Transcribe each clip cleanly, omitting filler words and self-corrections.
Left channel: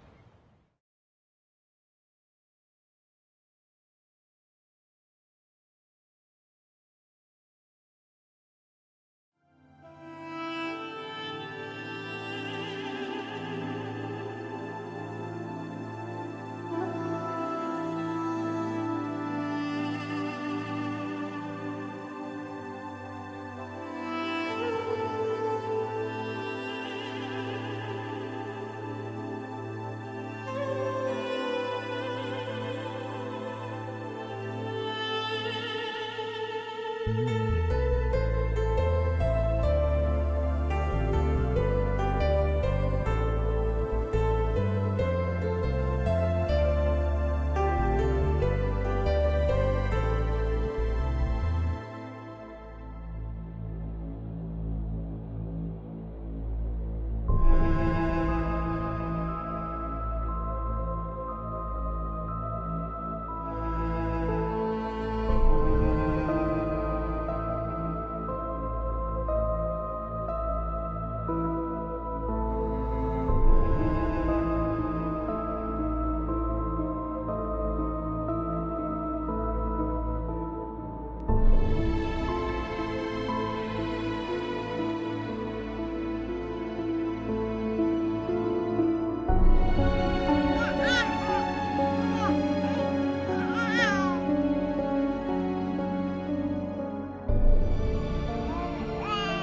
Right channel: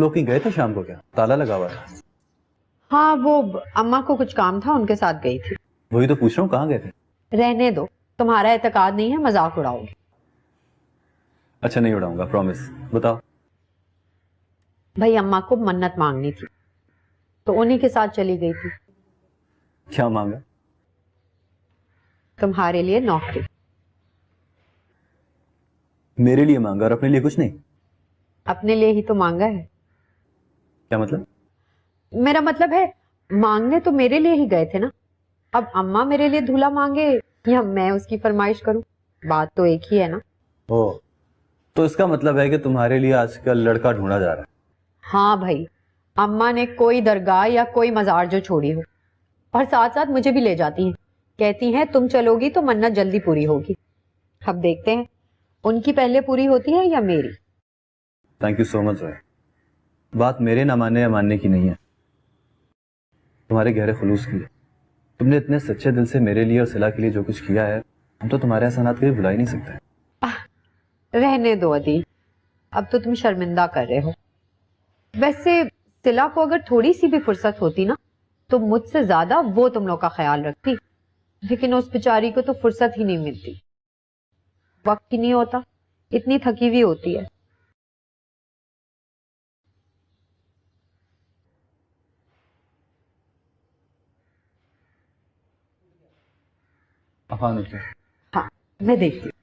लोग कहीं गए थे शाम को? क्या ताला लगा हुआ है? हाँ, वो अम्मा को कुछ काम था, उनके साथ गई थी। वही तो पूछ रहा हूँ, कहाँ गए थे? रहने दो, तुम्हारा एतकाद नहीं है, मजाक उड़ाओगे। अच्छा नहीं उड़ाऊंगा, प्रॉमिस। बताओ। भाई अम्मा को मन्नत मांगनी थी तो उन्हीं के साथ चली गई थी। क्या मांगा? तुम्हारे लिए नौकरी। मेरे लिए मांगा और अपने लिए कुछ नहीं? अपने लिए ही तो मांगा है। क्या मतलब? मेरा मतलब है मांगने तो मेरे लिए ही गए थे ना। अब अम्मा मेरे लिए दूल्हा मांगे या मैं उसकी फरमाइश करूं, बात तो एक ही है ना। ओ, तो इसका मतलब है कि तुम्हारे लिए आजकल लड़का ढूंढा जा रहा है? हाँ भाई, अम्मा ने कोई दरगाह या कोई मजार जो छोड़ी हो और साथ साथ मुझे भी ले जाती हैं। कहती हैं तुम चलोगी तो मन्नत जल्दी पूरी होगी। अब देखते हैं उनकी पहले पूरी होती है या मेरी। थैंक यू सो मच भाई। बात मेरे ना मानने या मानने की नहीं है, तुम्हारे गहरे खुलूस की है। तुमने इतने सच्चे दिल से मेरे लिए और सिला के लिए जो कुछ किया है, हम तो तुम्हारे एहसानात कभी भुला ही नहीं सकते। रहने दो अदी, अब तो तुम शर्मिंदा कर रहे हो। वैसे सिला को अगर थोड़ी सी भी फुर्सत होती ना तो मुझसे ज्यादा वो तुम लोग का ख्याल रखती, लेकिन उस बेचारी को तो फुर्सत ही नहीं मिलती, वक्त ही नहीं होता, इतनी थकी हुई होती है। हाँ, मैं देखती हूँ।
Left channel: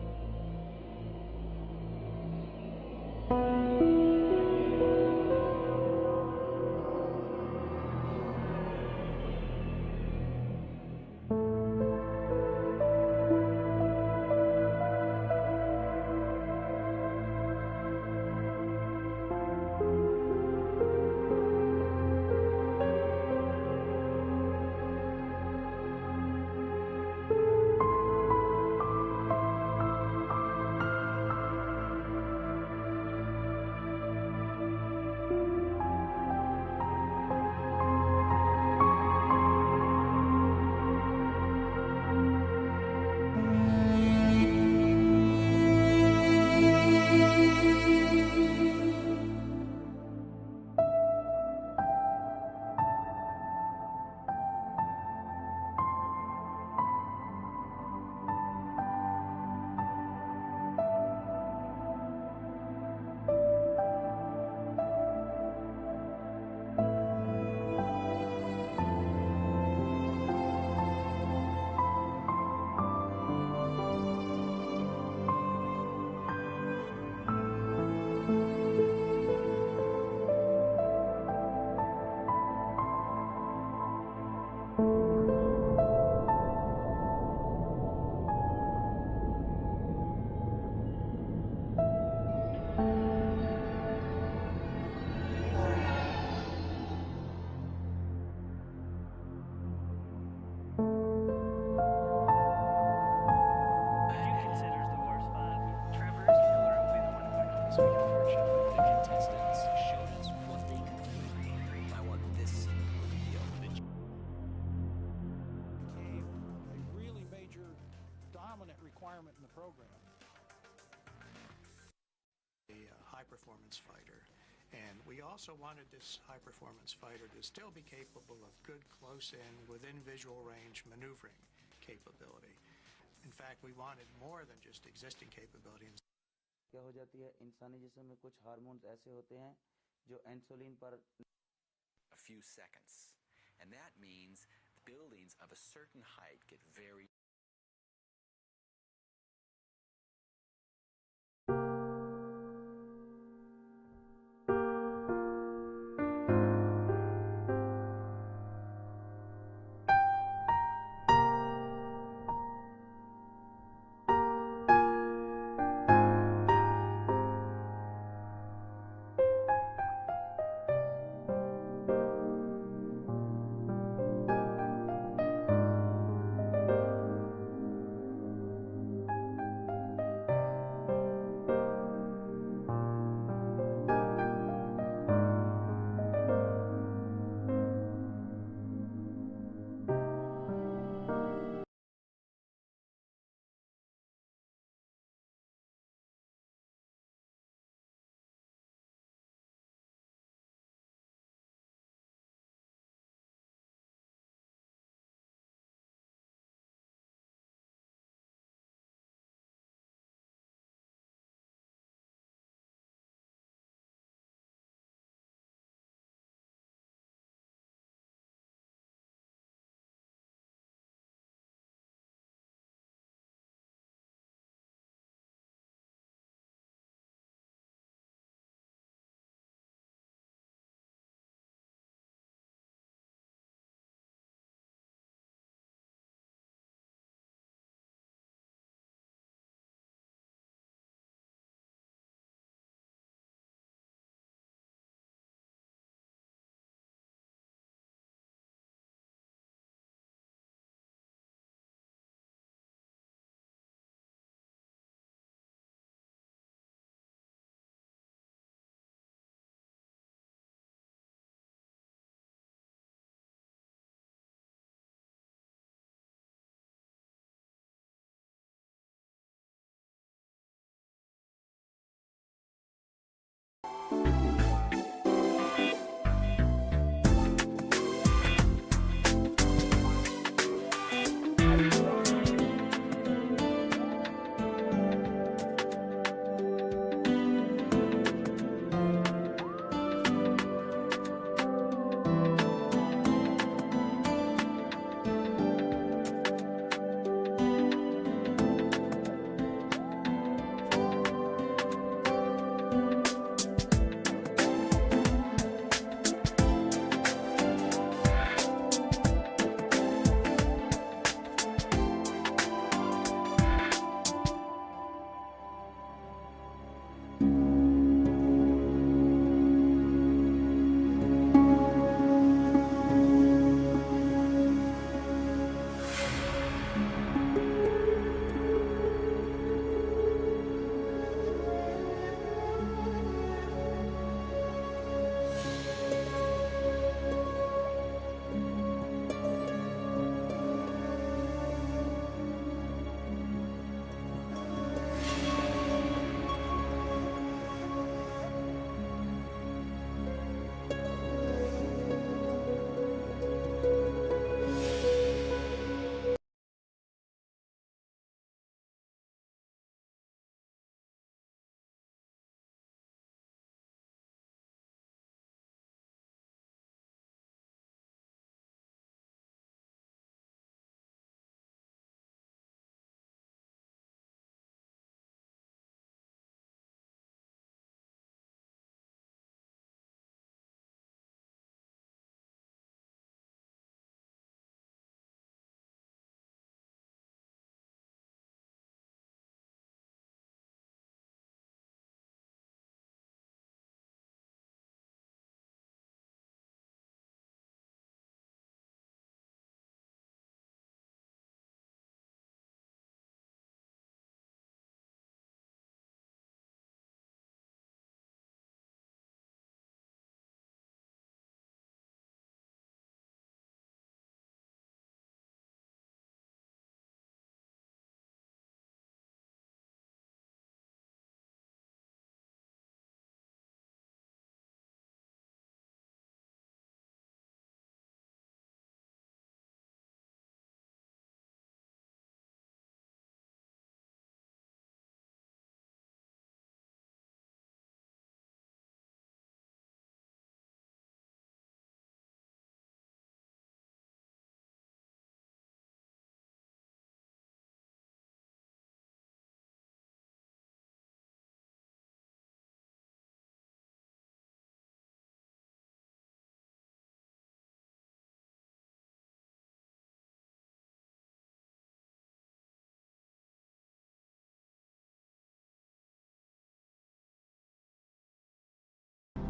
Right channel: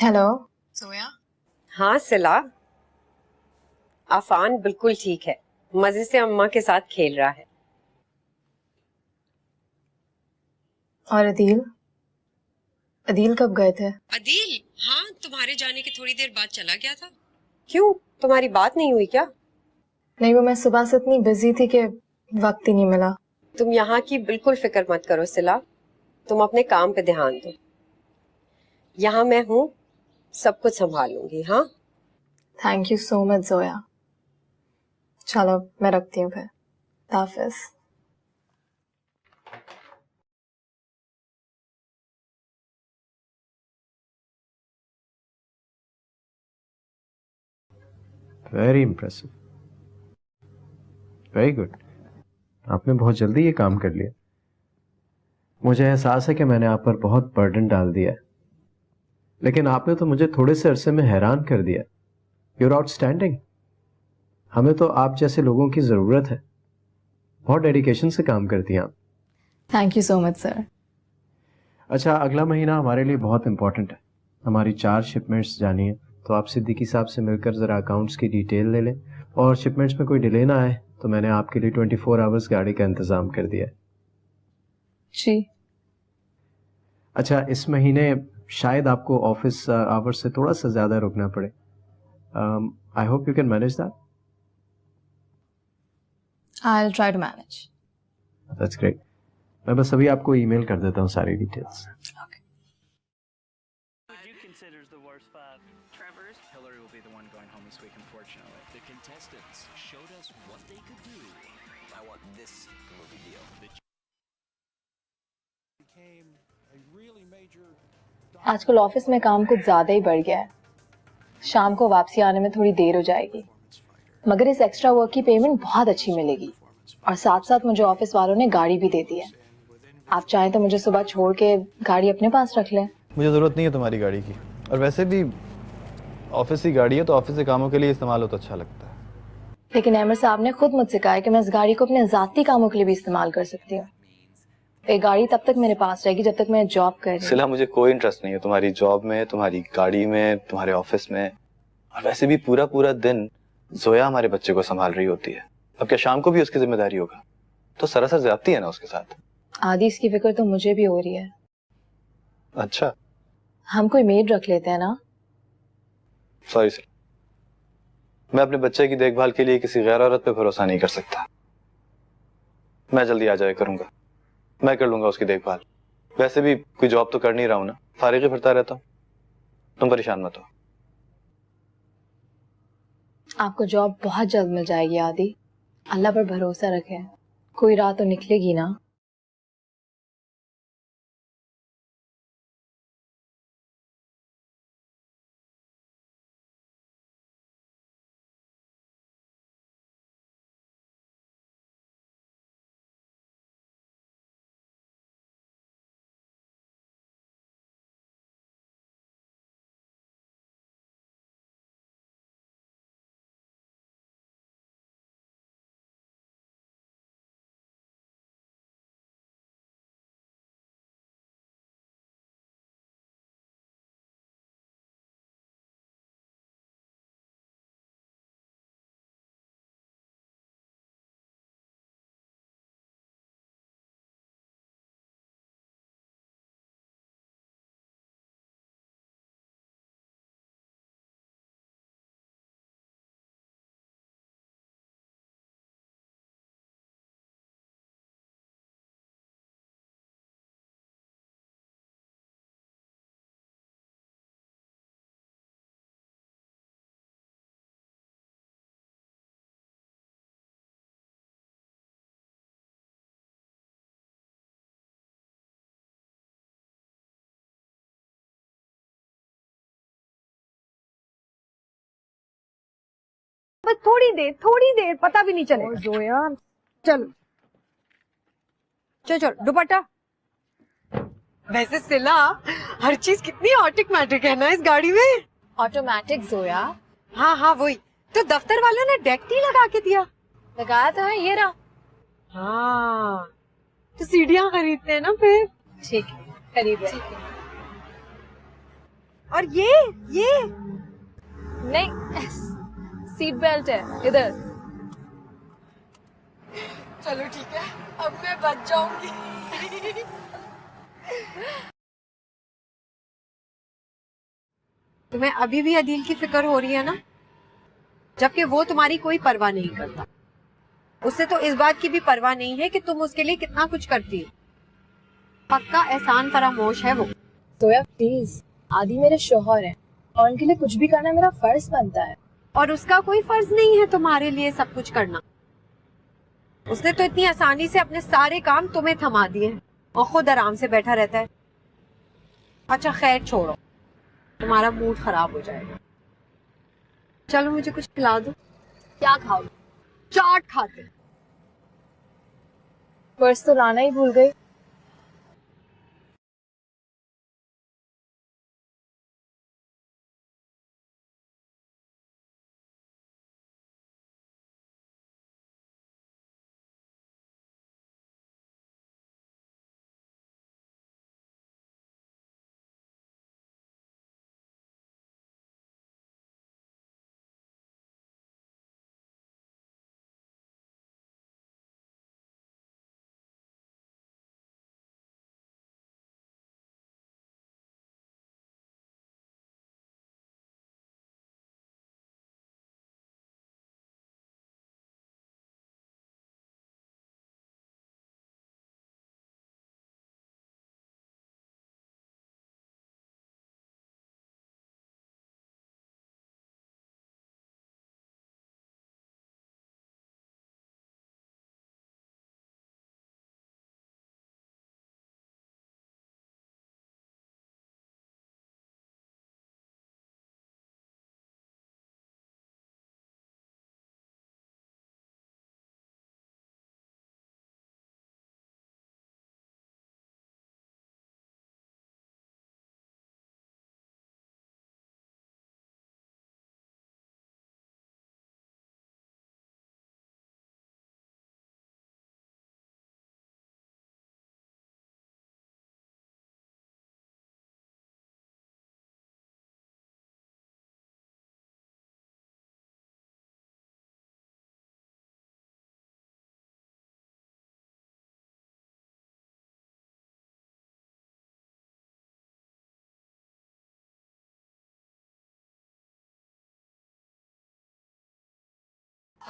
हेलो जोया। हाँ सिला, अफान बिल्कुल ठीक है, मजे से अम्मा के साथ खेल रहा है। और अदील अदील कब गए थे? अदील? हाँ, तुम्हारे जाने के थोड़ी देर बाद चला गया था। क्यों, तुम्हारी बात नहीं हुई क्या? नहीं, वो मैं सुबह से इतनी बिजी थी कि वक्त ही नहीं मिला। तुम यहाँ की बिल्कुल फिक्र मत करो सिला, तुम अपने काम पे ध्यान दो। यहाँ मैं हूँ, सब कुछ संभालूंगी। हाँ, thank you so much Zoya. चलो मैं रखती हूँ फिर, हाफिज। Very impressive, very good. आपने बहुत जल्दी ये काम कर लिया। मुझे एहसास है कि मैंने आप पर बहुत बर्डन डाल दिया है, लेकिन आपने तो मुझे थोड़े से अरसे में हैरान कर दिया। Your outstanding. हमें तो आप जैसे लोगों की ज़रूरत है। बहुत डेडिकेशन से काम करती हैं आप। Thank you so much sir. अच्छा, अगला महीना हमारे लिए बहुत इम्पोर्टेंट है। हमारी 4 शिपमेंट्स जानी है, तो आप सिद्दीकी साहब से मिलकर ज़रा अकाउंट्स की डिटेल ले लें, और शिपमेंट्स में कोई डिले ना आए तो मैंने आपके लिए 24 आवर्स गाड़ी का इंतज़ाम कर दिया। जी। अच्छा, इस महीने शायद आपको ऑफिस आवर्स से थोड़ा सा ज़्यादा रुकना पड़े। I hope you can manage that. I will try to manage. That's great. मैं बस अभी आपको ईमेल कर देता हूँ सारी डिटेल्स। आजकल ऑफिस में काम कुछ ज्यादा ही बढ़ गया है। शाम को वापसी आने में थोड़ी देर हो जाएगी, मगर इस एक्स्ट्रा वर्क की पेमेंट बहुत अच्छी मिलेगी, और साथ साथ मुझे ऑफिस वालों ने गाड़ी भी दे दी है। आप चाहें तो मुझे सुबह छोड़ के गाड़ी अपने पास रख लें। मुझे ज़रूरत नहीं है तुम्हारी गाड़ी की, और वैसे भी ऑफिस की गाड़ी है तो ऑफिस के कामों के लिए इस्तेमाल हो तो अच्छा लगता है। लेकिन अहमद साहब ने खुद मुझसे कहा है कि मैं इस गाड़ी को अपने ज़ाती कामों के लिए भी इस्तेमाल कर सकती हूँ। ये गाड़ी तब तक मेरे पास रहेगी जब तक मैं जॉब कर रही हूँ। सिला, मुझे कोई इंटरेस्ट नहीं है तुम्हारी जॉब में, तुम्हारी गाड़ी में, तुम्हारे ऑफिस में। और वैसे भी पूरा पूरा दिन जोया हमारे बच्चे को संभाल रही होती है। अब क्या शाम को भी उसकी जिम्मेदारी होगा? तो सरासर ज्यादती है ना उसके साथ। आदि, इसकी फिक्र तो मुझे भी हो रही है। अच्छा, हम कोई मेड रख लेते हैं ना। सॉरी सर, मैं अपने बच्चे की देखभाल के लिए किसी गैर औरत पे भरोसा नहीं कर सकता। मैं जल्दी आ जाया करूंगा, मैं कर लूंगा उसकी देखभाल। वैसे भी कोई जॉब तो कर नहीं रहा हूं ना, फारिग ही फिरता रहता हूं। तुम परेशान मत हो। आपको जॉब बहुत जल्द मिल जाएगी आदि, अल्लाह पर भरोसा रखें, कोई राह तो निकलेगी ना। बस थोड़ी देर पता भी नहीं चले जो यार। चलो चलो दुपट्टा। वैसे सिला, हर चीज कितनी ऑटोमेटिक है ना इस गाड़ी में। ऑटोमेटिक जोया? हाँ हाँ वही तो, दफ्तर वालों ने डेक नहीं लगा के दिया। लगाया तो है, ये रहा। हाँ तो सीढ़ियाँ खरीदते हैं ना फिर। ठीक है, खरीद रहे। और ये नहीं, सीट बेल्ट है इधर। चलो ठीक है, अब मैं बच जाऊंगी। तुम्हें अभी भी अदील की फिक्र हो रही है ना, जबकि वो तुम्हारी कोई परवाह नहीं करता। उसे तो इस बात की भी परवाह नहीं है कि तुम उसके लिए कितना कुछ करती हो। पक्का एहसान फरामोश है वो। जोया प्लीज, आदि मेरे शौहर हैं और उनके लिए कुछ भी करना मेरा फर्ज बनता है। और उसका कोई फर्ज नहीं है तुम्हारे लिए सब कुछ करना। उसने तो इतनी आसानी से अपने सारे काम तुम्हें थमा दिए और खुद आराम से बैठा रहता है। अच्छा खैर छोड़ो, तुम्हारा मूड खराब हो जाएगा। चलो मुझे कुछ खिला दो। क्या खाओ? चाट खा ले। पर्स तो लाना ही भूल गई।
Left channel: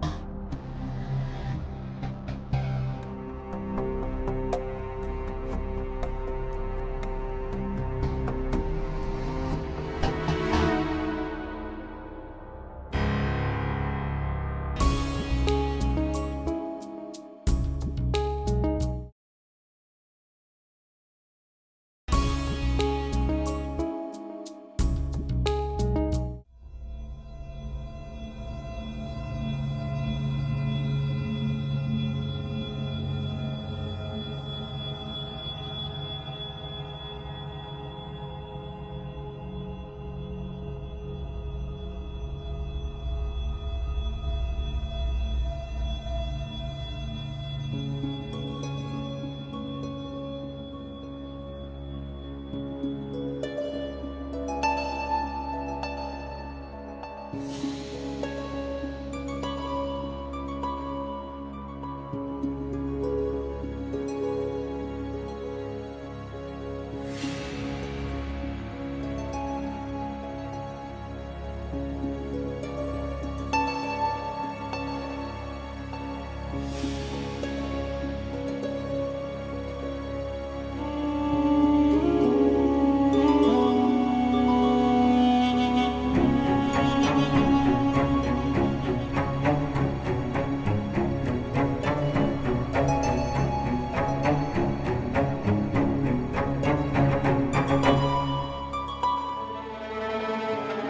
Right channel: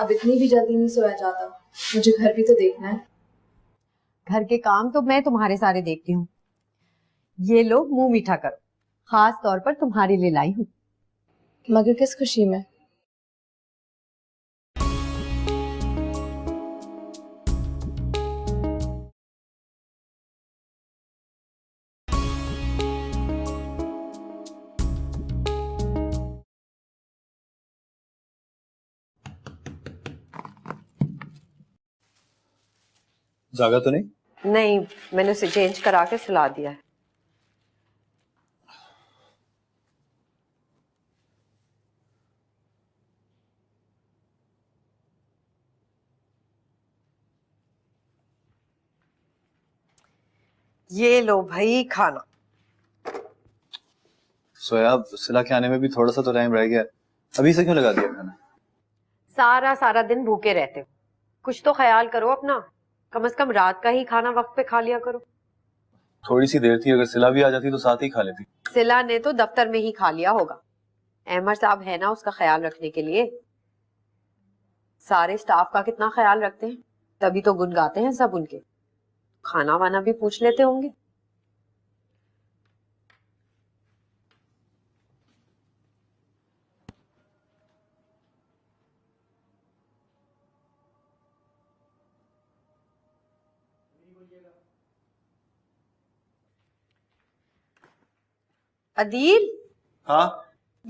अब इतनी भी जल्दी नहीं सोया जाता, मुझे घर भी तो देखना है। घर के काम तो मैं तुम्हारे सारे देखती हूँ। ये लो मुंह मीठा करो, खास तौर पर तुम्हारे लिए लाई हूँ। मगर किस खुशी में? जागा तो नहीं? नहीं, मैंने उसे चेंज करा के सुला दिया है। ये लो भाई खाना। सोया, सिला के आने में भी थोड़ा सा तो टाइम रह गया, अभी से क्यों लगा दिया खाना? सारा दिन भूखे रहते हो, कुछ तो ख्याल करो अपना। कम से कम रात का ही खाना वक्त पे खा लिया करो। थोड़ी सी देर थी, अगर सिला भी आ जाती तो साथ ही खा लेते। सिला ने तो दफ्तर में ही खा लिया होगा। अहमद साहब है ना उसका ख्याल रखने के लिए। सारे स्टाफ का कितना ख्याल रखते हैं, तभी तो गुन गाते हैं सब उनके। खाना वाना भी पूछ लेते होंगे। अदील, हाँ?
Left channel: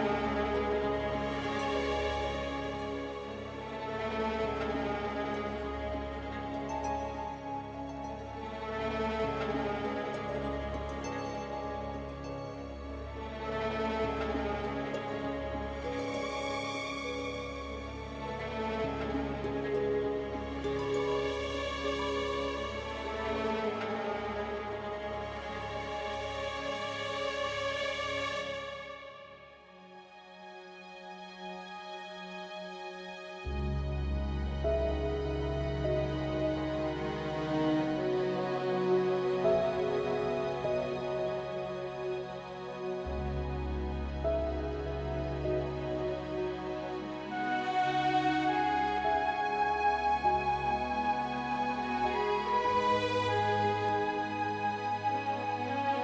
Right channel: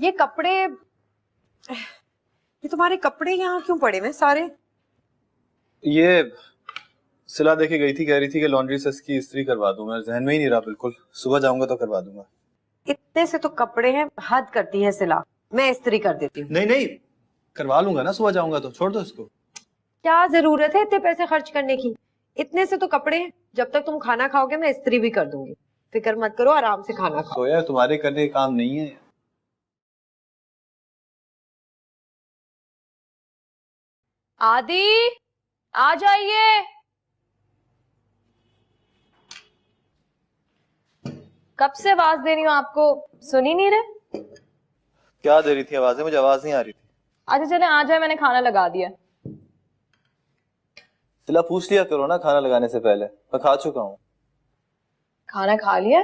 ये कपड़े, ये तुम्हारे कपड़े यहाँ क्यों पड़े हुए सारे? ये सिला देके गई थी, कह रही थी कि लॉन्ड्री से इसकी इस्त्री करवा दूंगा। जहन में ही नहीं रहा बिल्कुल, सुबह जाऊंगा तो करवा दूंगा। इतने से तो कपड़े हैं, हद करती है सिला। मैं इस्त्री कर देती हूँ। नहीं, करवा लूंगा ना, सुबह जाऊंगा तो। छोड़ दो इसको। क्या जरूरत है इतने पैसे खर्च करने की? इतने से तो कपड़े हैं, जब तक तुम खाना खाओगे मैं इस्त्री भी कर दूंगी। फिक्र मत करो, आराम से खाना खाओ। सोया, तुम्हारे करने का काम नहीं है। आदि, आ जाइए। कब से आवाज दे रही हूँ आपको, सुन ही नहीं रहे? क्या दे रही थी आवाजें? मुझे आवाज नहीं आ रही। अच्छा चले आ जाए, मैंने खाना लगा दिया। सिला, पूछ लिया करो ना खाना लगाने से पहले। मैं खा चुका हूँ। खाना खा लिया?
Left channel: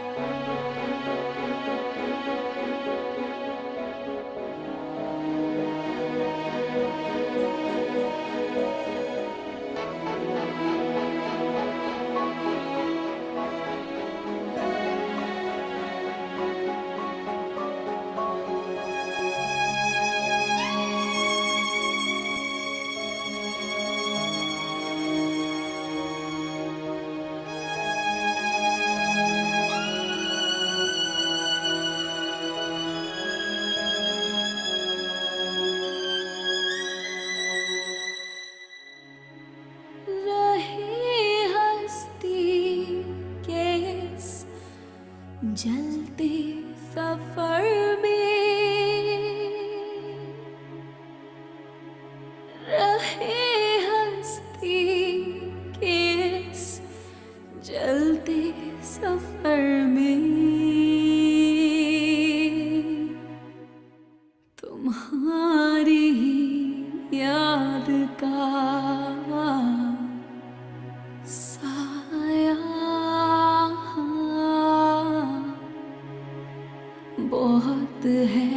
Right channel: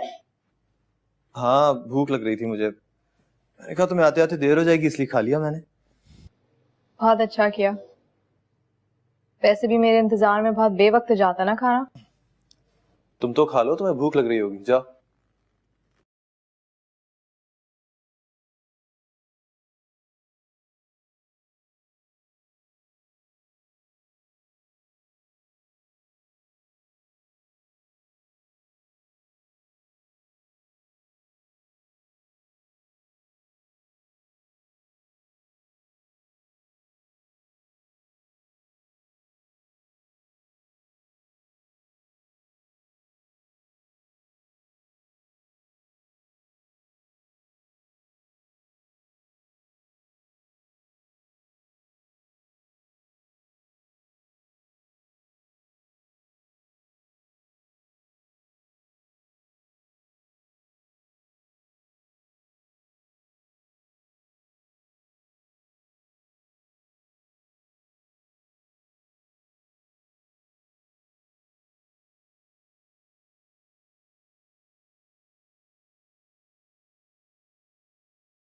हाँ, भूख लग रही थी मुझे। मैंने कहा तुम्हें आते आते देर हो जाएगी, इसलिए खा लिया मैंने। बहुत अच्छा किया। वैसे भी मेरे इंतजार में बहुत बेवक्त जाता ना खाना। तुम तो खा लो, तुम्हें भूख लग रही होगी। जाओ। जलते सफर में रहे हस्ती के इस जलते सफर में तुम्हारी याद का बहुत है,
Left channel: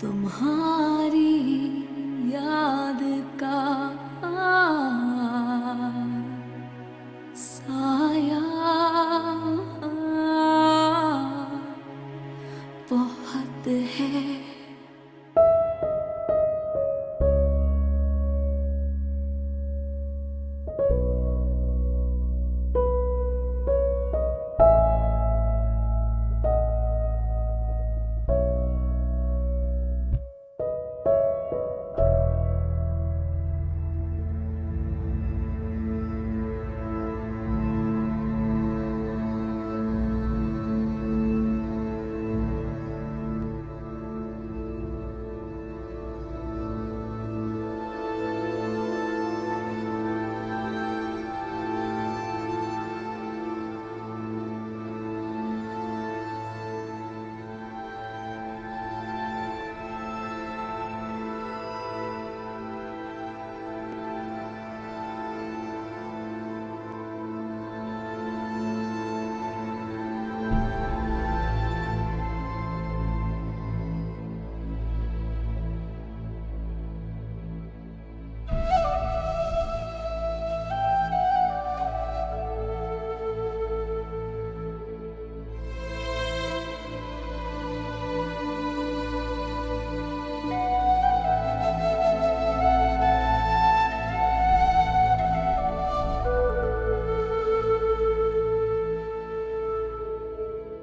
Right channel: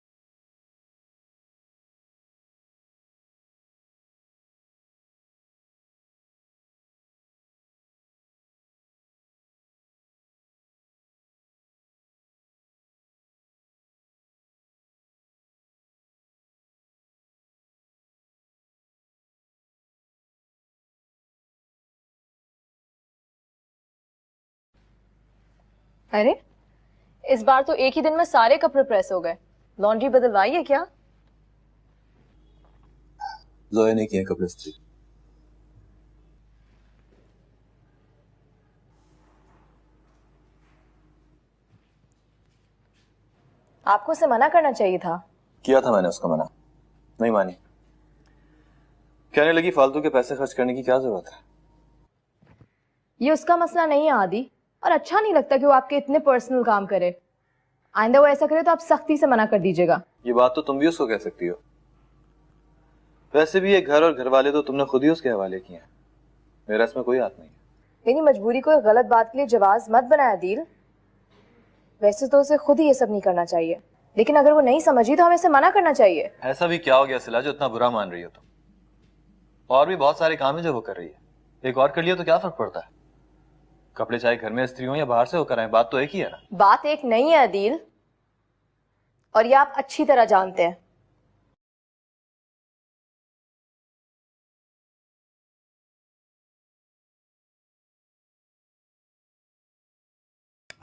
तुम्हारी याद का साया बहुत है। अरे इस बार तो एक ही दिन में सारे कपड़े प्रेस हो गए। लॉन्ड्री बदलवाई है क्या? जोया ने किया कपड़े इस्त्री। आपको उसे मना करना चाहिए था। किया था मैंने उसको मना, नहीं मानी। कहने लगी फालतू के पैसे खर्च करने की क्या जरूरत है। ये उसका मसला नहीं है आदि, और अच्छा नहीं लगता कि वो आपके इतने पर्सनल काम करे। आइंदा वो ऐसा करे तो आप सख्ती से मना कर दीजिएगा। ये बात तो तुम भी उसको कह सकती हो। वैसे भी ये घर और घर वाले तो तुमने खुद ही उसके हवाले किया, मेरा इसमें कोई हाथ नहीं। मेरी मजबूरी को गलत बात के लिए जवाब मत बनाया दिल। वैसे तो उसे खुद ही ये सब नहीं करना चाहिए, लेकिन अगर वो नहीं समझी तो हमें इसे मना करना चाहिए। ऐसा भी क्या हो गया सिला जो इतना बुरा मान रही हो तुम? और भी बहुत सारे काम है जो वो कर रही है, एक और कर लिया तो क्या फर्क पड़ता है? कपड़े चाहे घर में स्त्री हो या बाहर से होकर आए, बात तो एक ही है। बात एक नहीं है अदील, और ये आप अच्छी तरह जानते हैं।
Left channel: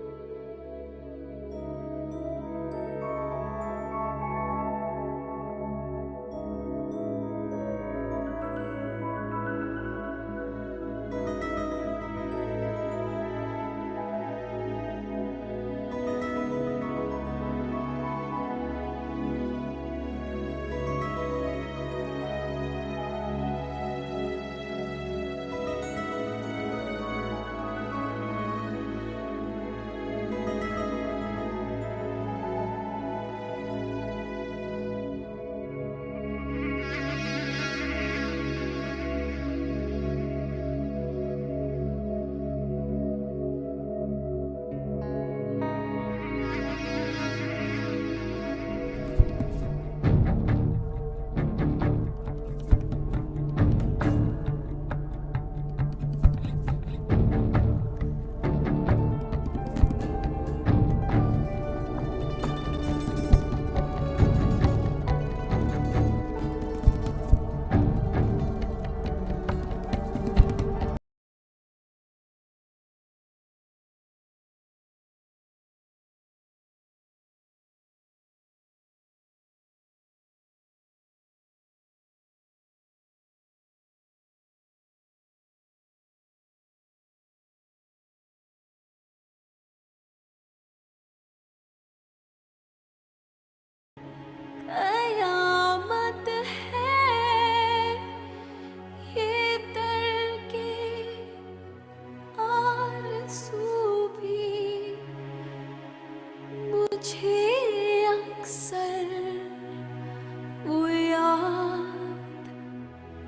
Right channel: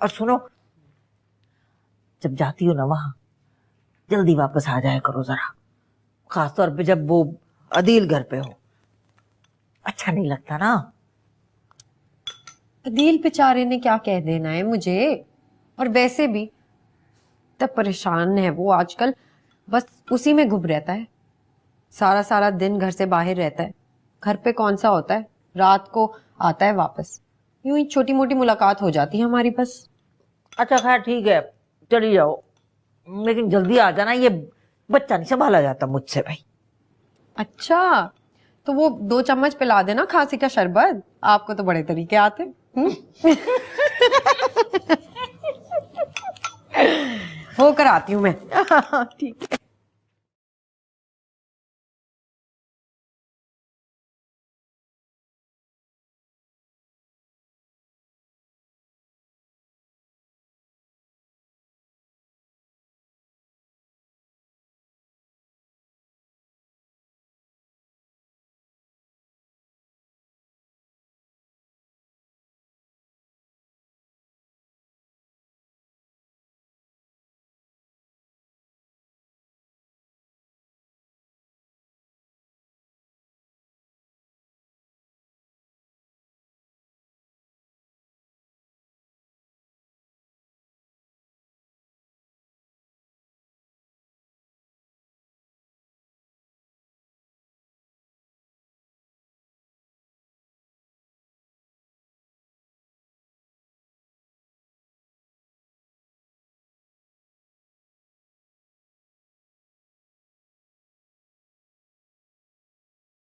और सुनो, जब जाती हो ना वहां जल्दी वापस आ जाया करो जरा, खासतौर पे जब वो अदील घर पे हो। अच्छा नहीं लगता ना। अदील बेचारे ने क्या कह देना है मुझे, और वैसे भी तब परेशान है वो आजकल, बस उसी में घुस रहता है। सारा सारा दिन घर से बाहर रहता है, घर पे कौन सा होता है, रात को आता है वापस। यूं ही छोटी मोटी मुलाकात हो जाती है हमारी बस। अच्छा खैर ठीक है, चली जाओ, लेकिन जल्दी आ जाना, ये बच्चा नहीं संभाला जाता मुझसे भाई। अच्छा, तो वो 2 चम्मच पिला देना खांसी का शरबत, आपको तो बड़े तरीके आते हैं। वो कराती हूँ मैं। ठीक है। कयामत है ये तरके आरज़ू भी मुझे अक्सर वो याद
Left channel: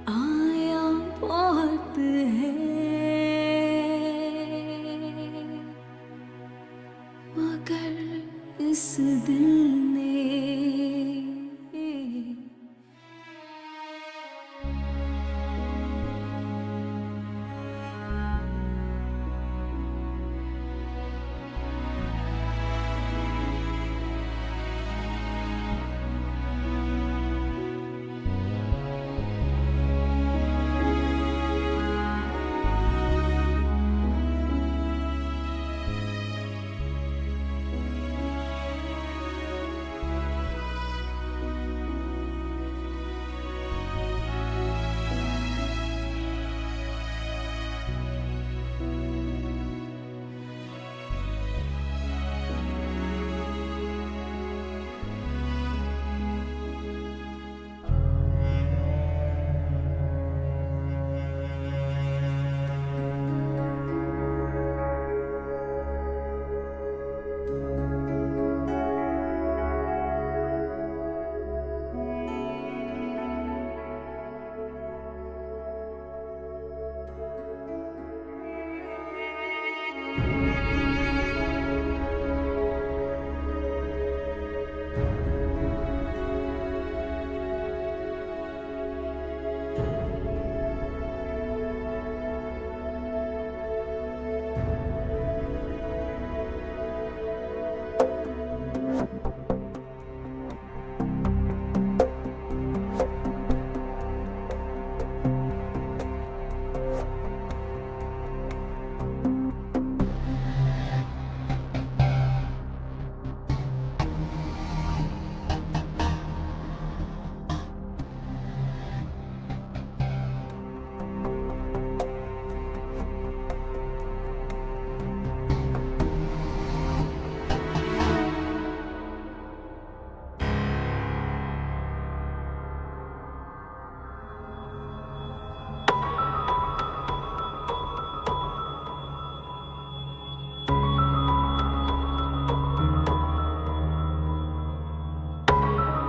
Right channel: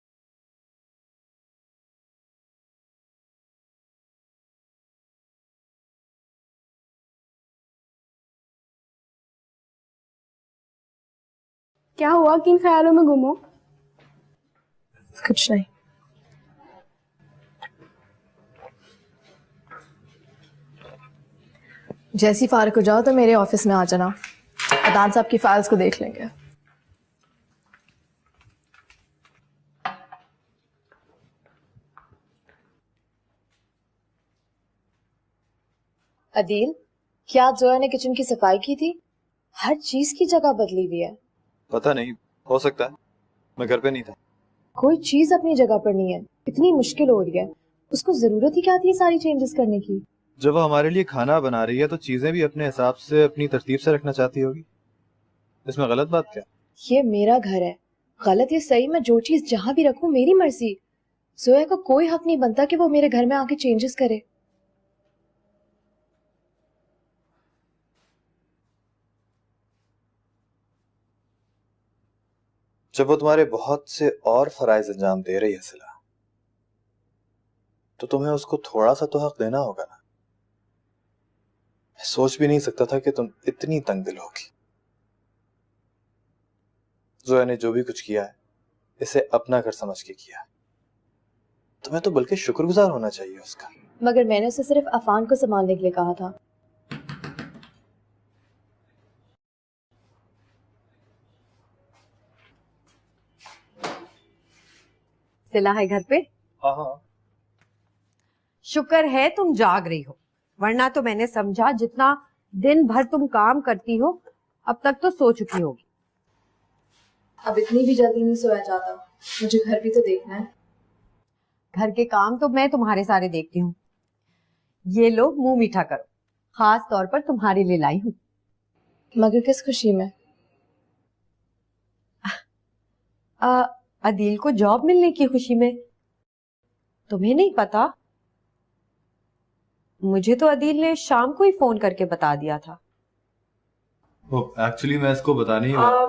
आया बहुत है, मगर इस दिल ने क्या हुआ, किन ख्यालों में गुम हो? कुछ नहीं। जैसी फारिग हो जाओ तो मेरे ऑफिस में आ जाना, अदान साहब की फाइल्स को देख लेंगे। अदील, क्या जोया ने किचन की सफाई की थी? हर चीज की जगह बदली हुई है। पता नहीं, हो सकता है, मैं घर पे नहीं था। कोई चीज अपनी जगह पर नहीं है, इतनी मुश्किल हो रही है, उसको जरूरत ही क्या थी सारी चेंजेस करने की? जब वो हमारे लिए खाना बना रही है तो चीजें भी अपने हिसाब से अपनी तरतीब से रखना चाहती होगी, इसमें गलत बात क्या? ये मेरा घर है, गलत या सही मैं जो चीज जहाँ भी रखूं मेरी मर्जी। जोया का कोई हक नहीं बनता कि वो मेरे घर में आके चेंजेस करे। जब वो तुम्हारे बहुत से और फराइज अंजाम दे रही है सिला, तो तुम्हें उसको थोड़ा सा तो हक देना होगा। मैं सोच भी नहीं सकता था कि तुम इतनी तंग दिल होगी। जोया ने जो भी कुछ किया इसे अपना घर समझ के किया, तुम्हें तो बल्कि शुक्रगुजार होना चाहिए उसका। मगर मैंने उसे सिर्फ अफान को संभालने के लिए कहा था। सिला है घर पे? शुक्र है तुम जाग रही हो, वरना तो मैंने समझा जितना दिन भर तुम काम करती हो अब तक तो सो चुकी हो। अब इतनी भी जल्दी नहीं सोया जाता, मुझे घर भी तो देखना है। घर के काम तो मैं तुम्हारे सारे देखती हूँ। ये लो मुंह मीठा करो, खास तौर पर तुम्हारे लिए लाई हूँ। मगर किस खुशी में? अदील को जॉब मिलने की खुशी में। तुम्हें नहीं पता? मुझे तो अदील ने शाम को ही फोन करके बता दिया था। एक्चुअली मैं इसको बताने ही वाला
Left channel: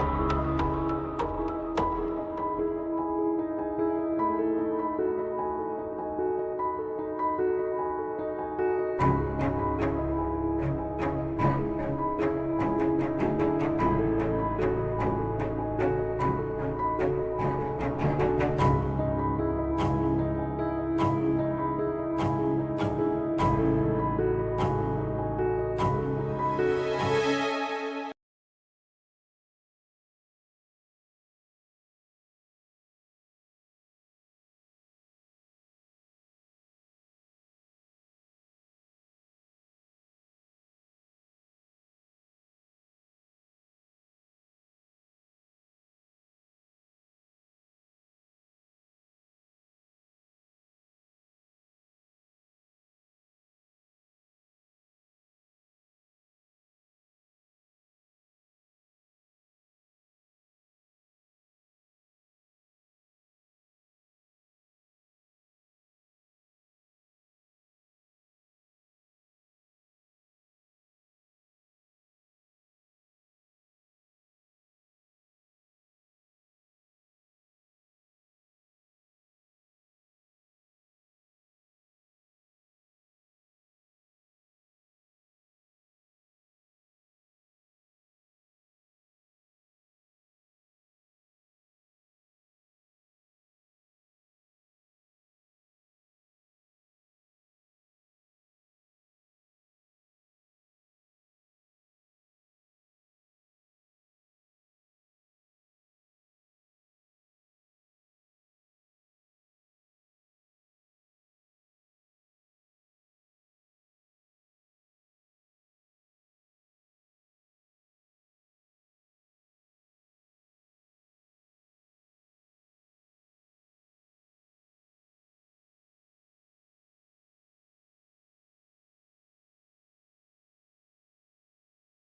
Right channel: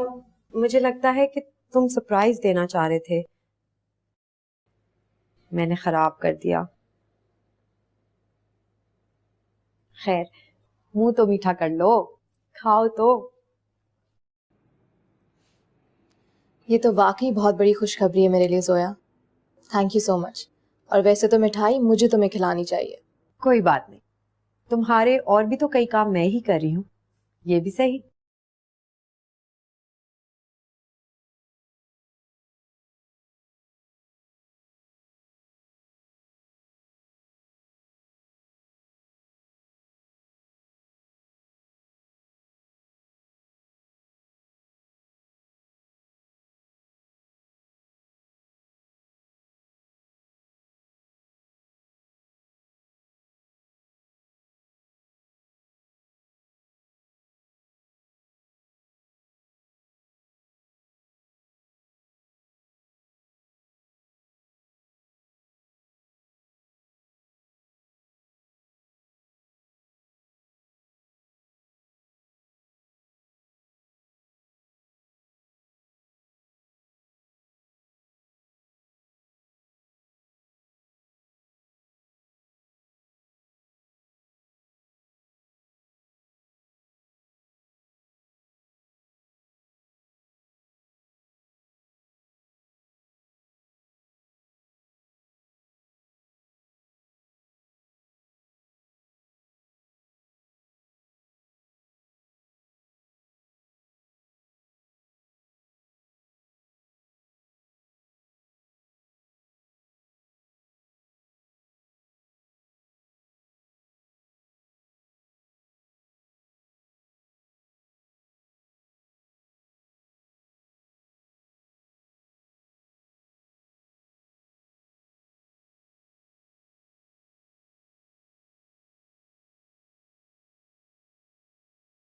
मुझे लगता है कि तुम सरप्राइज देना चाह रहे थे, मैंने खराब कर दिया। खैर, मुंह तो मीठा कर लो, खाओ तो। ये तो वाकई बहुत बड़ी खुशखबरी है मेरे लिए Zoya. Thank you so much. और वैसे तो मिठाई मुझे तुम्हें खिलानी चाहिए। कोई बात नहीं, तुम्हारे और भी तो कई काम मैं ही कर रही हूँ, ये भी सही।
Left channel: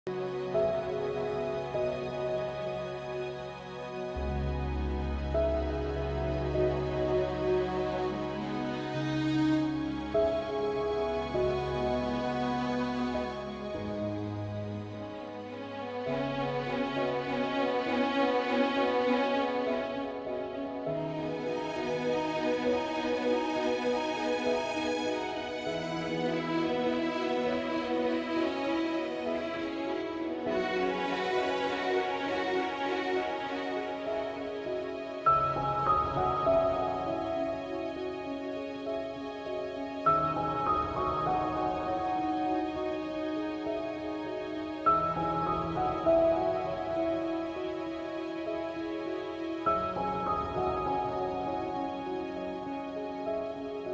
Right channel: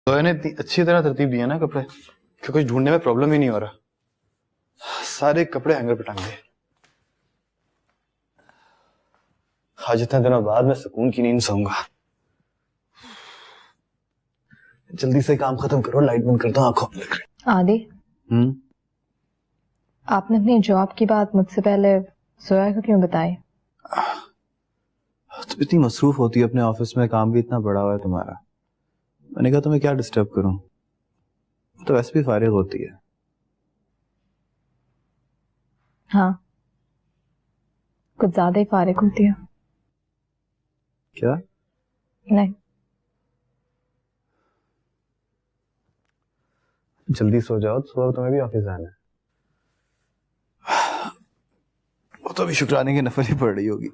तो ने इतनी अच्छी तरह तरतीब दिया ना कपड़े कि कुछ ढूंढने में प्रॉब्लम ही नहीं हो रहा। सारे कपड़े हैंगर पे टांग दिए। आज इतने दिनों बाद मैं सुकून की नींद सोऊंगा। जल्दी से काम खत्म करो, लाइट बंद कर दो, आंखों में। आदि, आपने अपनी जॉब की बात मुझसे पहले जोया को क्यों बताई? तुम इतनी मसरूफ होती है अपने ऑफिस में, काम भी इतना बड़ा हुआ है तुम्हारा। मैंने कहा तुम्हें क्या डिस्टर्ब करूं, तो वैसे भी फारिग होती है। हाँ, कुछ ज्यादा ही फारिग होती है। क्या? नहीं, जल्दी सो जाओ, सुबह तुम्हें भी ऑफिस जाना है। वो तो अभी शुक्राने की नफल ही पड़ रही होगी।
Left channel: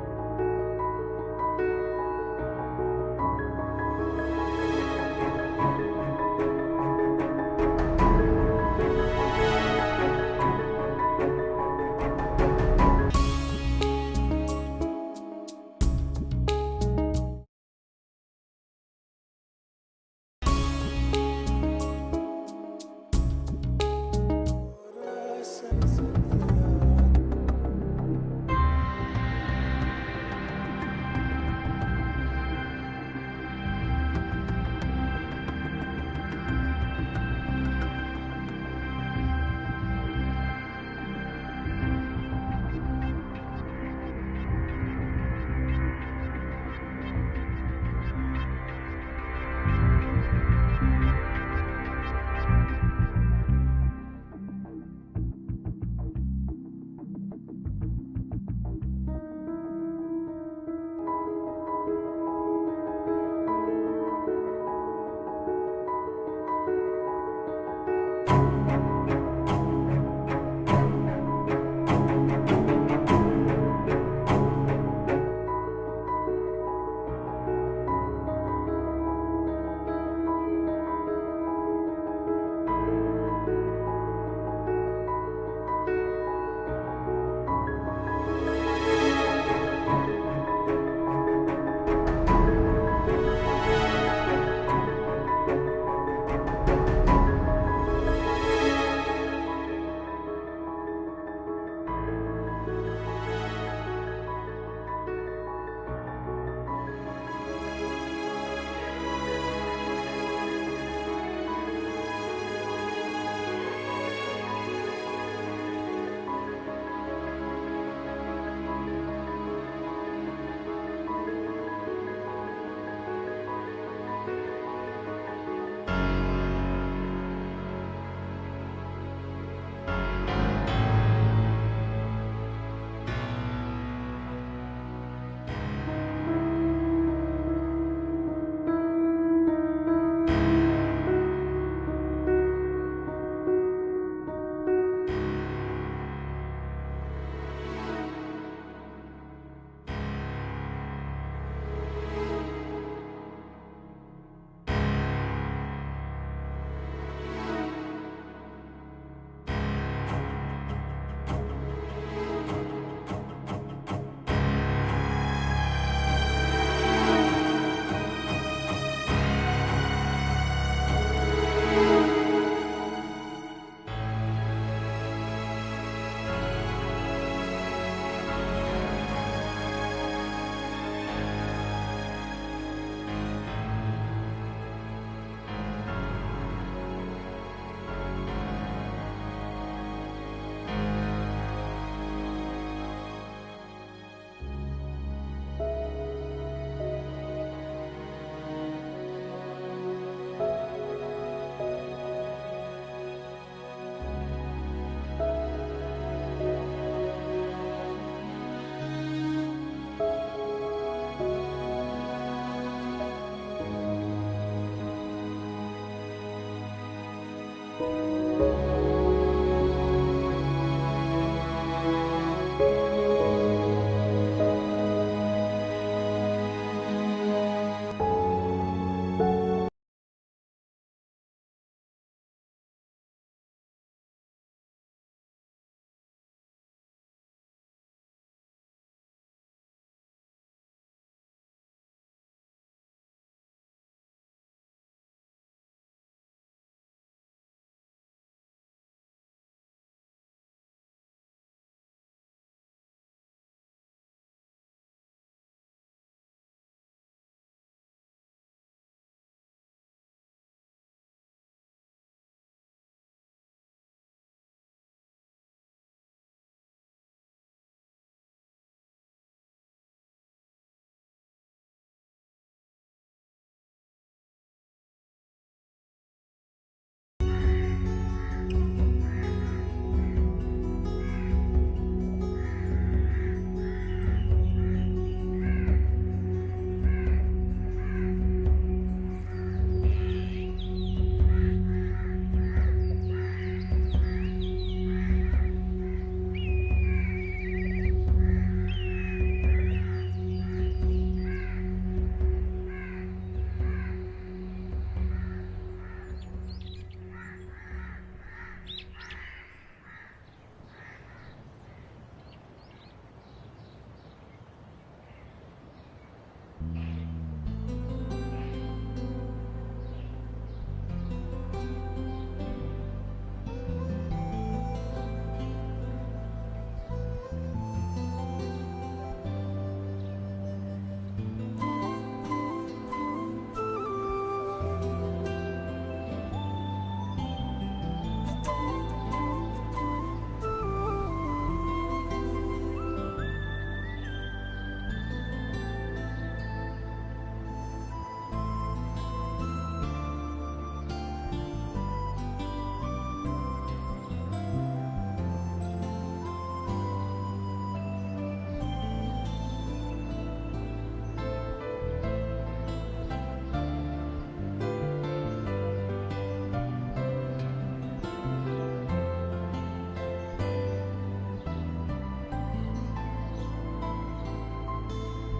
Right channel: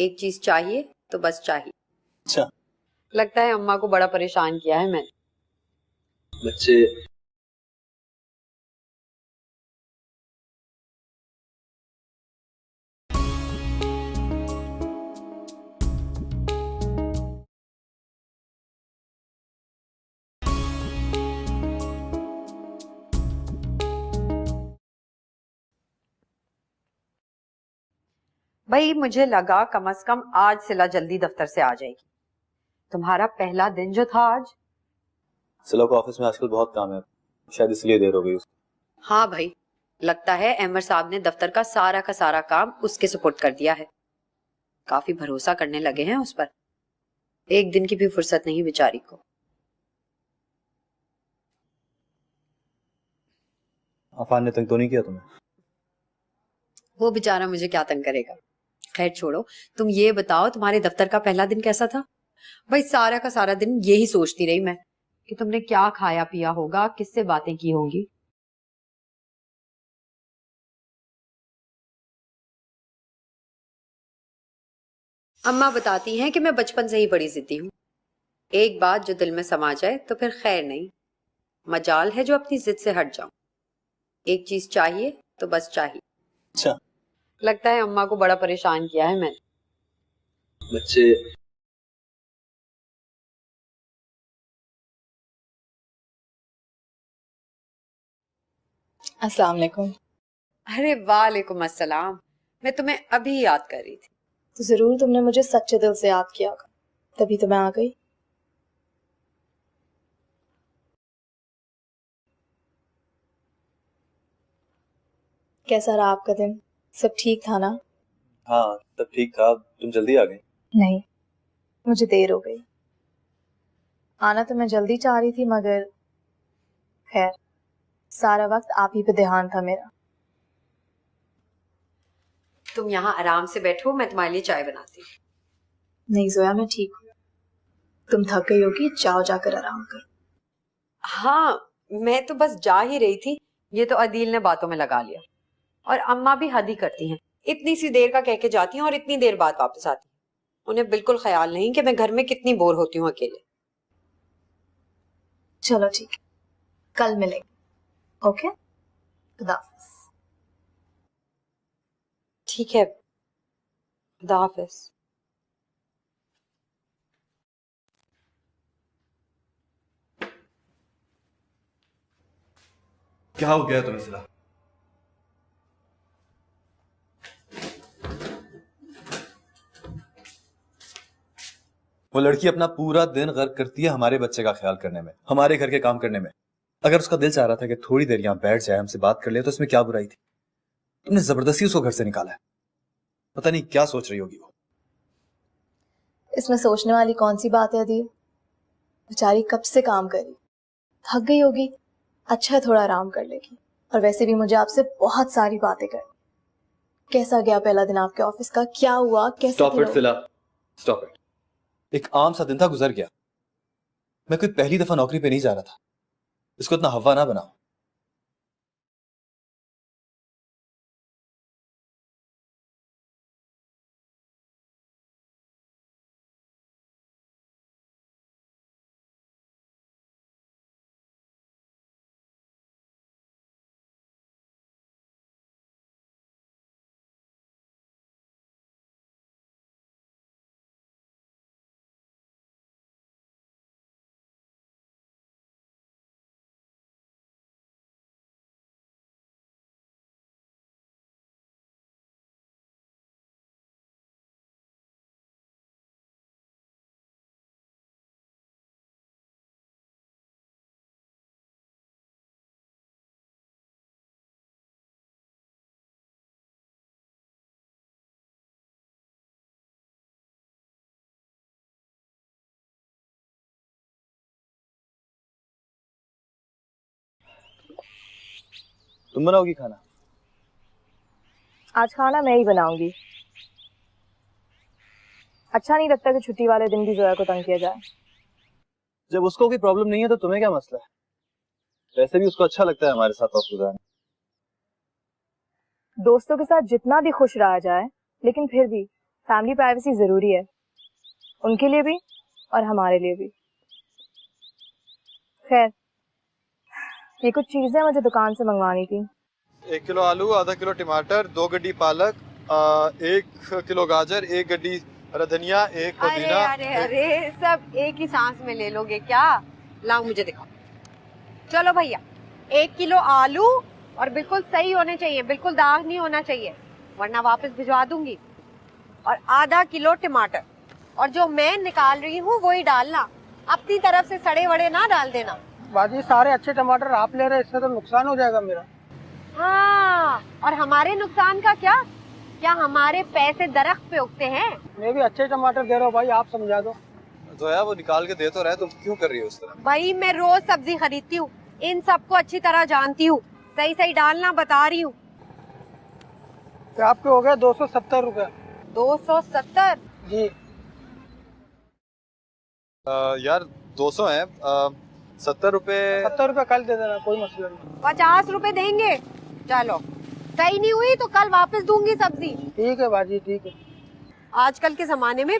एक चीज चाहिए तो बस चाहिए। अच्छा, लगता है अम्मा को बड़ा परेशान किया है मैंने। बच्चे भाई मुझे लगा कम से कम आज सिला जल्दी दफ्तर से आ जाएगी। तुम्हारा पहला दिन जो था आज। सिला को ऑफिस में आजकल बहुत काम है, शायद इसलिए देर हो गई उसको। हाँ भाई, लगता है अहमद साहब ने दफ्तर का सारा काम उसके सुपुर्द कर दिया है। काफी भरोसा करने लगे हैं उस पर। एक दिन की भी फुर्सत नहीं बेचारी को। अफान ने तंग तो नहीं किया तुम्हें? वो बेचारा मुझे क्या तंग करेगा। खैर छोड़ो, तुम ये बताओ तुम्हारे दफ्तर का पहला दिन कैसा था? भाई सारा का सारा दिन यही सोचती रही मैं कि तुमने क्या खाया पिया होगा, किससे बातें की होगी। अम्मा बताती हैं कि मैं बचपन से ही बड़ी जिद्दी हूँ। एक बात जो दिल में समा जाए तो फिर खैर नहीं, मजाल है जो अपनी जिद से हट जाऊं। एक चीज चाहिए तो बस चाहिए। अच्छा, लगता है अम्मा को बड़ा परेशान किया है मैंने। बच्चे अस्सलाम वालेकुम। अरे वालेकुम अस्सलाम। मैं तुम्हें अभी याद कर रही थी। तो जरूर तुमने मुझे सच्चे दिल से याद किया होगा, तभी तो मैं आ गई। कैसा रहा आपका दिन? सब ठीक था ना? हाँ तब ठीक था, तुम जल्दी आ गई। नहीं, मुझे देर हो गई। आना तो मैं जल्दी चाह रही थी, मगर खैर सारा वक्त आप ही पे ध्यान था मेरा। तुम यहाँ आराम से बैठो, मैं तुम्हारे लिए चाय बनाती हूँ। नहीं जोया, मैं ठीक हूँ। तुम थक गई होगी, जाओ जाकर आराम कर। हाँ मैं तो बस जा ही रही थी, ये तो अदील ने बातों में लगा लिया। और अम्मा भी हद ही करती हैं, इतनी सी देर का कह के जाती हैं और इतनी देर बाद वापस आती हैं। उन्हें बिल्कुल ख्याल नहीं कि मैं घर में कितनी बोर होती हूँ अकेले। चलो ठीक है, कल मिलेंगे। ओके, खुदा हाफिज़। ठीक है, खुदा हाफिज़। क्या हो गया तुम्हें सिला? वो लड़की अपना पूरा दिन गर्क करती है हमारे बच्चे का ख्याल करने में, हमारे घर के काम करने में। अगर उसका दिल चाह रहा था कि थोड़ी देर यहाँ बैठ जाए, हमसे बात कर ले, तो इसमें क्या बुराई थी? तुमने जबरदस्ती उसको घर से निकाला है। पता नहीं क्या सोच रही होगी। इसमें सोचने वाली कौन सी बात है अदील? बेचारी कब से काम कर रही है, थक गई होगी। अच्छा है थोड़ा आराम कर लेगी। और वैसे भी मुझे आपसे बहुत सारी बातें करनी। कैसा गया पहला दिन आपके ऑफिस का? क्या हुआ? कैसे? स्टॉप इट सिला, स्टॉप इट। एक आम सा दिन था, गुजर गया। मैं कोई पहली दफा नौकरी पे नहीं जा रहा था। इसको इतना हवा ना बना। तुम बनाओगी खाना? आज खाना मैं ही बनाऊंगी। अच्छा नहीं लगता कि छुट्टी वाले दिन भी जोया को तंग किया जाए। जब उसको कोई प्रॉब्लम नहीं है तो तुम्हें क्या मसला है? वैसे भी उसको अच्छा लगता है हमारे साथ ऑफिस आना। दोस्तों के साथ जितना भी खुश रहा जाए, लेकिन फिर भी फैमिली प्राइवेसी जरूरी है, उनके लिए भी और हमारे लिए भी। खैर, ये कुछ चीजें मुझे दुकान से मंगवानी थी। 1 किलो आलू, आधा किलो टमाटर, 2 गड्डी पालक, 1 किलो गाजर, 1 गड्डी हरा धनिया, 1 पुदीना। अरे सब एक ही सांस में ले लोगे क्या? लाओ मुझे दिखाओ। चलो भैया, 1 किलो आलू और बिल्कुल सही होने चाहिए, बिल्कुल दाग नहीं होना चाहिए, वरना वापस भिजवा दूंगी। और आधा किलो टमाटर, और जो मैं निकाल रही हूँ वही डालना, अपनी तरफ से सड़े वड़े ना डाल देना। बाजी सारे अच्छे टमाटर आप ले रहे हैं, इसमें तो नुकसान हो जाएगा मेरा। हाँ, और हमारे नुकसान का क्या? क्या हमारे पैसे दरख्त पे उगते हैं? मैं भी अच्छे टमाटर दे रहा हूँ भाई, आप समझा दो। तो यार वो निकाल के दे तो रहा है, तुम क्यों कर रही हो उस तरह? भाई मैं रोज सब्जी खरीदती हूँ, इन सबको अच्छी तरह जानती हूँ, सही सही डालना बता रही हूँ। तो आपके हो गए 270 रुपए। 270? जी। यार 200 है, 70 रुपए। 70 रुपए कल दे देना, कोई मसला नहीं। 50 रुपए देंगे? चलो, सही नहीं हुई तो कल वापस दूंगी सब्जी। ठीक है बाजी, ठीक है। आजकल के जमाने में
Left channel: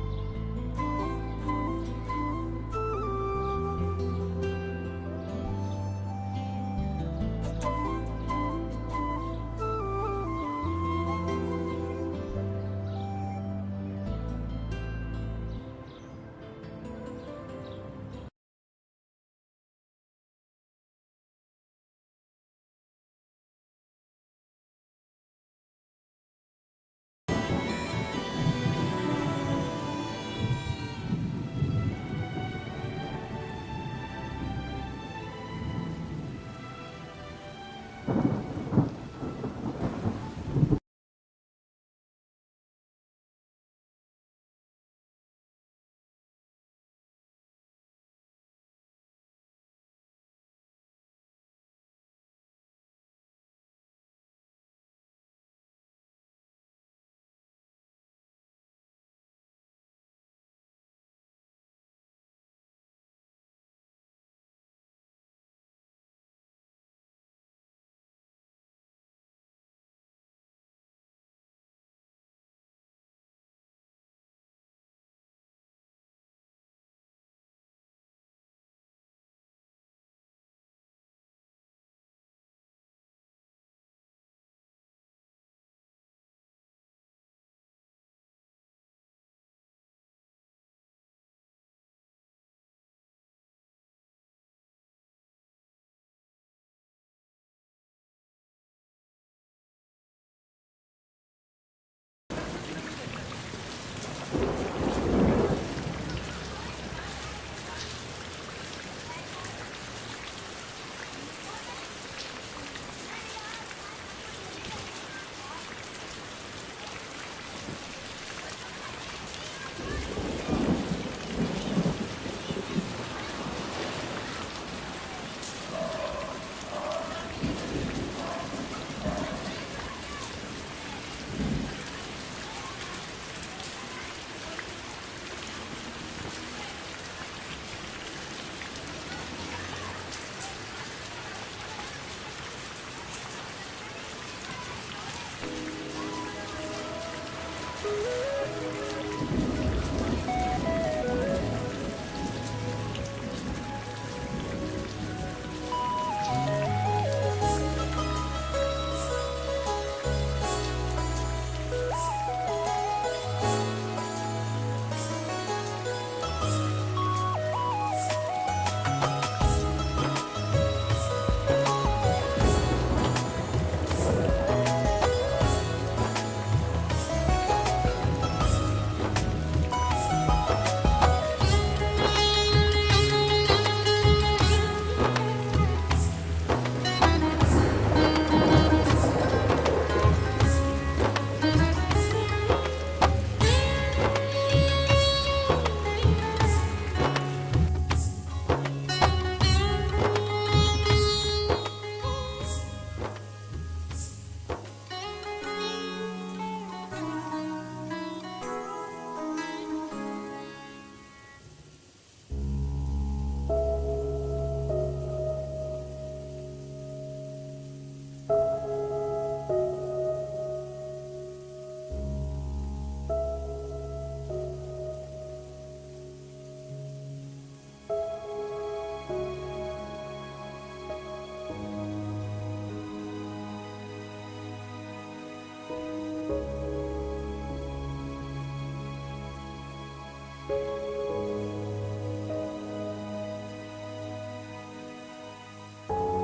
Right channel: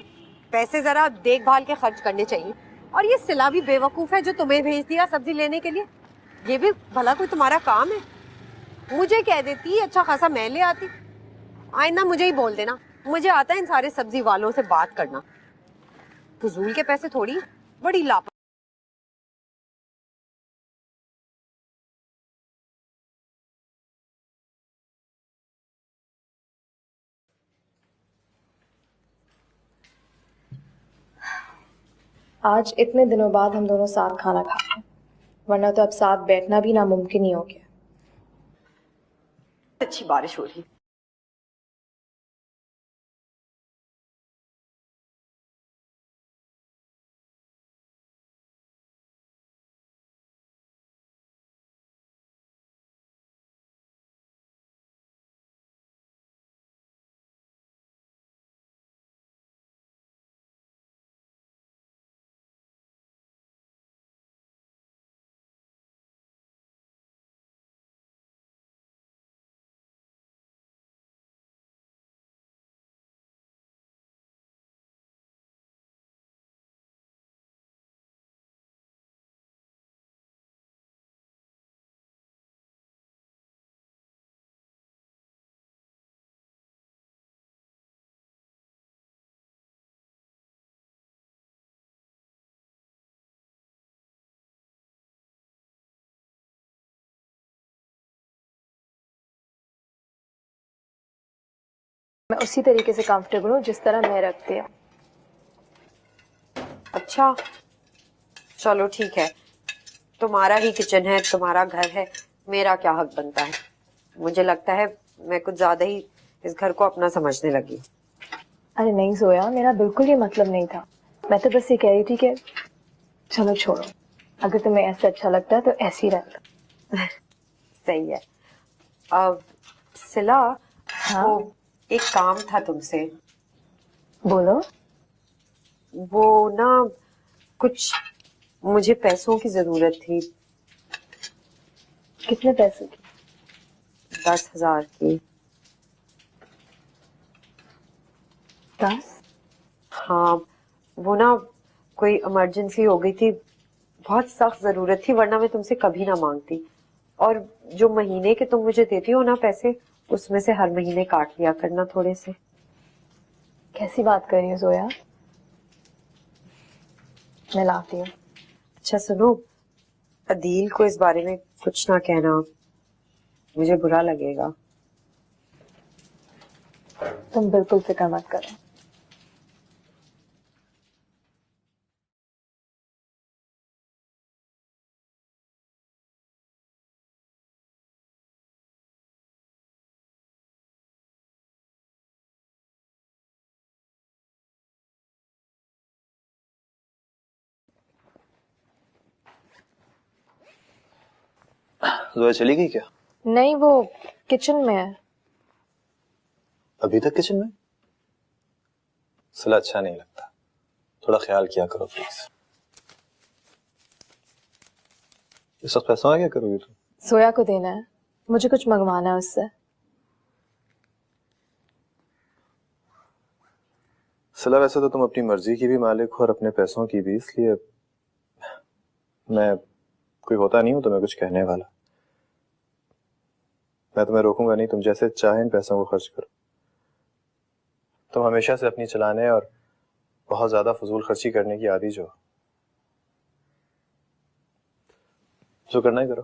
पैसे जरा देखभाल के खर्च करने चाहिए। और ये सिला भी बेवकूफ है जो तुम्हें भेज दिया सब्जी लेने के लिए। ये भी भला कोई तुम्हारा काम है? मुझे कह देती, अच्छा खासा मैं ले आती। आइंदा मुझे ही बोल देना, मुझे आता है इन सारे सब्जी वालों से बात करना। फजूल के पैसे थोड़ी, बड़ी लाभ। आज इतने दिनों बाद हम दोनों साथ खाना खाते हैं, वरना तो अब साथ बैठना भी नामुमकिन ही होगी। अच्छी बारिश हो रही। मैं उसी तरीके से कंफर्टेबल हूँ जिस तरह मैं रखती है। अच्छा चलो ठीक है, तुम्हारा ही किचन है, तुम्हारा घर है, मेरा क्या हक बनता है? मुझे लगता है मैं कुछ ज़्यादा ही इस घर को अपना समझने लगी। अरे नहीं जोया, मेरा बिल्कुल ये मतलब नहीं था। मैं तो बस ये कह रही थी कि चलो छोड़ो, अगर तुम्हें ऐसा अच्छा लगता है तो ऐसे ही रख। सही है। सिला, हाँ वो एक काम था तुमसे। बोलो। वो ना कुछ मुझे पैसों की ज़रूरत थी। कितने पैसे? 10,000 की। 10? हाँ, वो ना कोई इमरजेंसी हो गई थी, बहुत सख्त ज़रूरत थी, वरना मैं तुमसे कभी ना मांगती। और जो महीने के तुम मुझे देती हो ना पैसे, उसमें से हर महीने काट लिया करना थोड़े से। कैसी बात कर रही है जोया? मैं लाती हूँ। अच्छा सुनो, अदील को इस बारे में कुछ ना कहना, मुझे बुरा लगेगा। तुम बिल्कुल फिक्र मत कर। जोया चली गई क्या? नहीं, वो किचन में है। अभी तक किचन में? सिला अच्छा नहीं लगता, थोड़ा ख्याल किया करो प्लीज। इस वक्त पैसा आ क्या करोगी तुम? सोया को देना है, मुझे कुछ मंगवाना है उससे। सिला वैसे तो तुम अपनी मर्जी की भी मालिक हो और अपने पैसों की भी, इसलिए मैं कोई होता नहीं हूँ तुम्हें कुछ कहने वाला। मैं तुम्हें रोकूंगा नहीं, तुम जैसे चाहे इन पैसों को खर्च करो। तुम हमेशा से अपनी चलाने और बहुत ज्यादा फजूल खर्ची करने की आदी जो करना ही करो।